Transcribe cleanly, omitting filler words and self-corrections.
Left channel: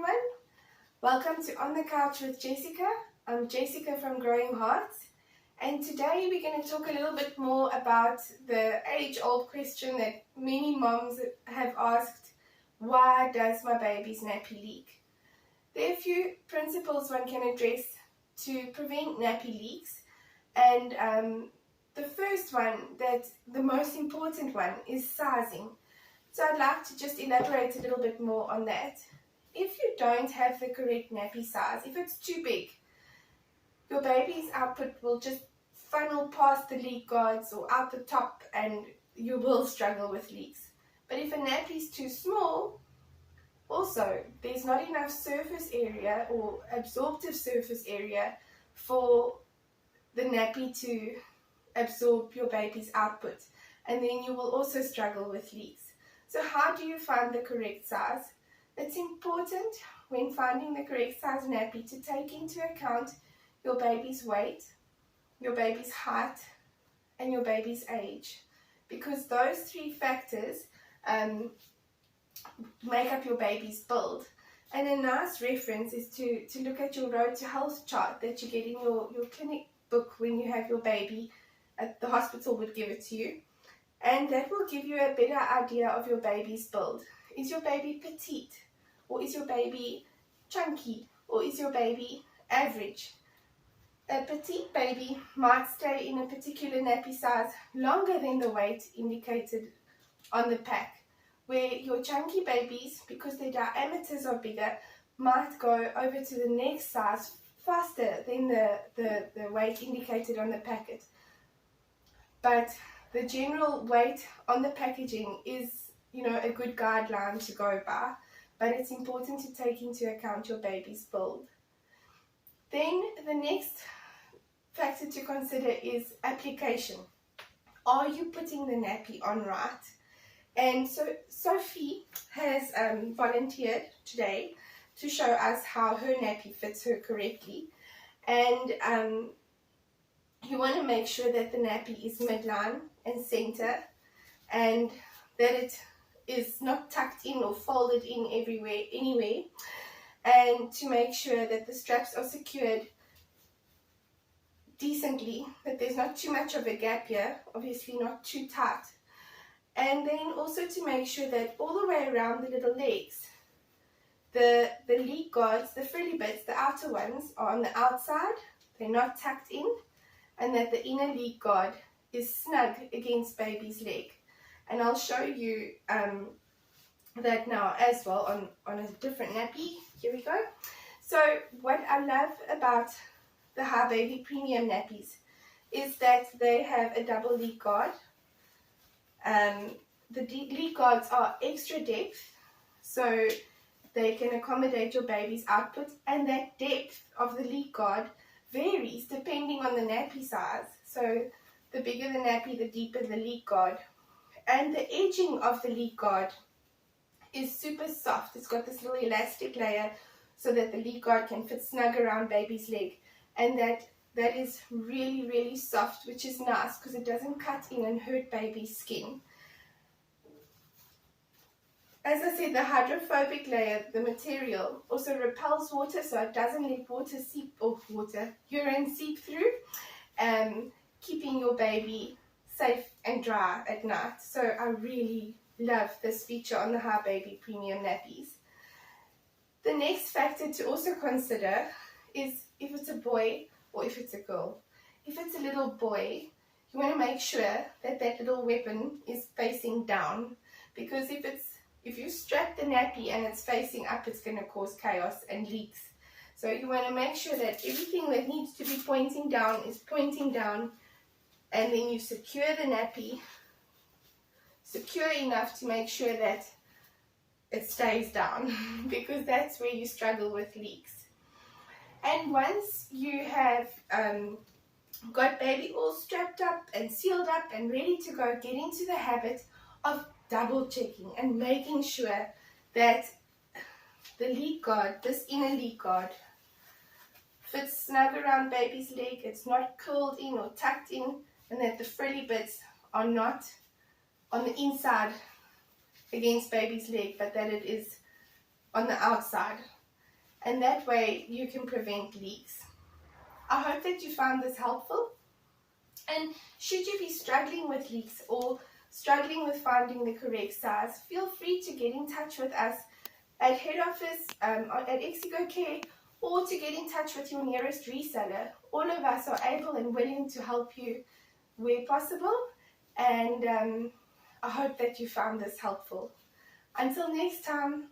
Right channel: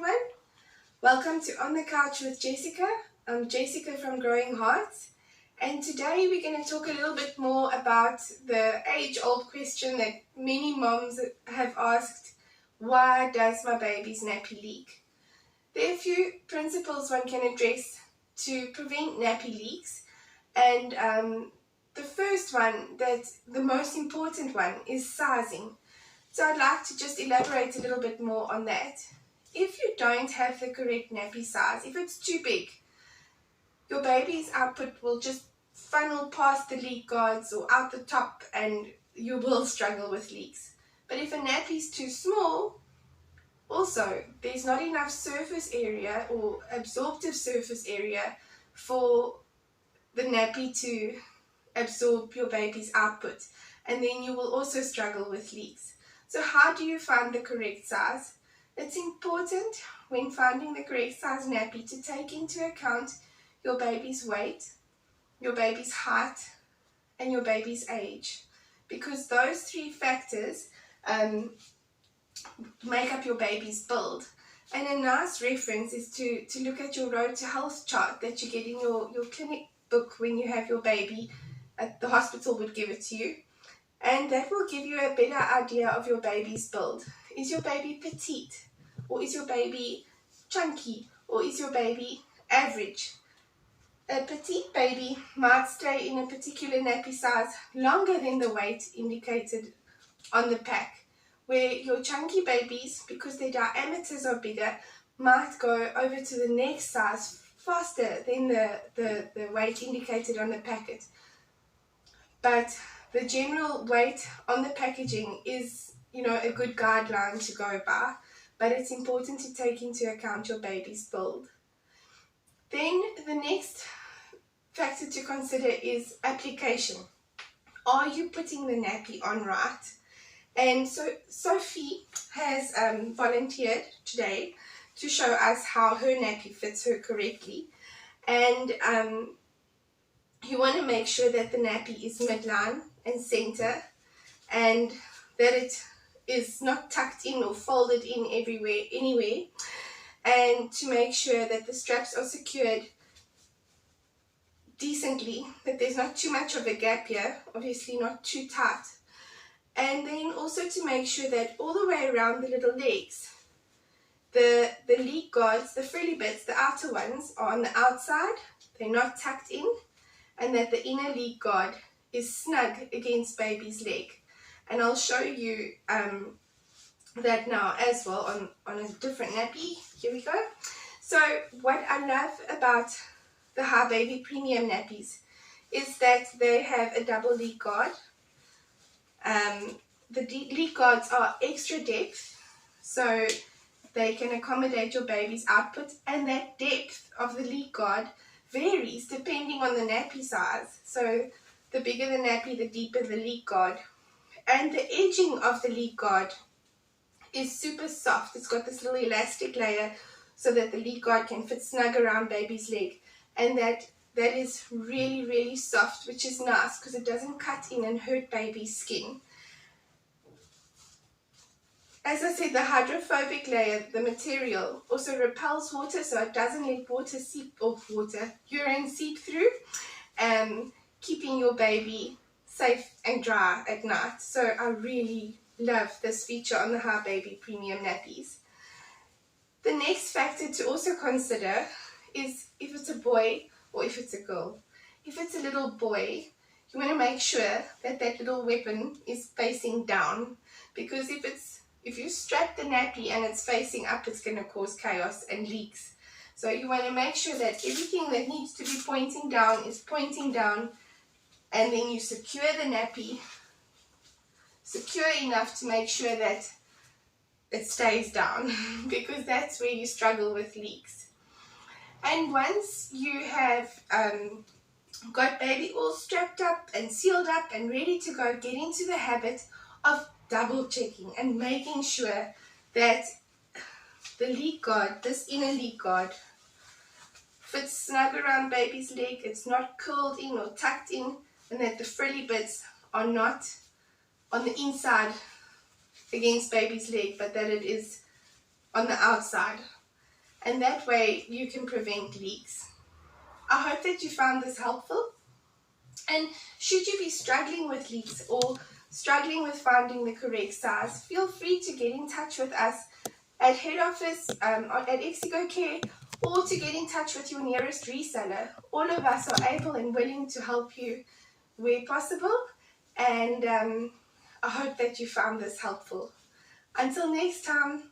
everyone. Welcome to On the Couch with Jessica. I'm Jessica from Growing Hearts, and today we're going to talk a little bit more about the age-old question that many moms have asked: why does my baby's nappy leak? There are a few principles one can address to prevent nappy leaks, and the first one, the most important one, is sizing. So I'd like to just elaborate a little bit more on that. If you don't have the correct nappy size, if it's too big, your baby's output will just funnel past the leak guards or out the top, and you will struggle with leaks. But if a nappy is too small, also there's not enough surface area or absorptive surface area for the nappy to absorb your baby's output, and then you will also struggle with leaks. So how do you find the correct size? It's important when finding the correct size nappy to take into account your baby's weight, your baby's height, and your baby's age, because those three factors make up your baby's build. And a nice reference is to look at your Road to Health chart that you get in your clinic book when you have your baby. The hospital would give it to you, and that will give you a better idea of your baby's build. Is your baby petite, or is your baby chunky, or is your baby average? A petite baby might stay in a particular nappy size longer than the weight indicated on the pack, where your chunky babies, because their diameters are bigger, might go over to the next size faster than the weight indicated on the packet. But the general weight on the packaging is, a good guideline to go by, but it's important to take into account your baby's build. Then the next factor to consider is application. Are you putting the nappy on right? And so Sophie has volunteered today to show us how her nappy fits her correctly. And you want to make sure that the nappy is midline and center, and that it is not tucked in or folded in anywhere, and to make sure that the straps are secured decently, that there's not too much of a gap here, obviously not too tight. And then also to make sure that all the way around the little legs, the leak guards, the frilly bits, the outer ones, are on the outside, they're not tucked in, and that the inner leak guard is snug against baby's leg. And I'll show you that now as well on a different nappy. Here we go. So what I love about the High Baby Premium nappies is that they have a double leak guard. The leak guards are extra depth, so they can accommodate your baby's output, and that depth of the leak guard varies depending on the nappy size. So the bigger the nappy, the deeper the leak guard. And the edging of the leak guard is super soft. It's got this little elastic layer so that the leak guard can fit snug around baby's leg, and that is really, really soft, which is nice because it doesn't cut in and hurt baby's skin. As I said, the hydrophobic layer, the material, also repels water, so it doesn't let urine seep through, keeping your baby safe and dry at night. So I really love this feature on the High Baby Premium nappies. The next factor to also consider is if it's a boy or if it's a girl. If it's a little boy, you want to make sure that little weapon is facing down, because if you strap the nappy and it's facing up, it's going to cause chaos and leaks. So you want to make sure that everything that needs to be pointing down is pointing down, and then you secure the nappy secure enough to make sure that it stays down, because that's where you struggle with leaks. And once you have got baby all strapped up and sealed up and ready to go, get into the habit of double checking and making sure that the leak guard, this inner leak guard, fits snug around baby's leg, it's not curled in or tucked in, and that the frilly bits are not on the inside against baby's leg, but that it is on the outside. and that way you can prevent leaks. I hope that you found this helpful, and should you be struggling with leaks or struggling with finding the correct size, feel free to get in touch with us at head office at Exigo Care, or to get in touch with your nearest reseller. All of us are able and willing to help you where possible, and I hope that you found this helpful. Until next time.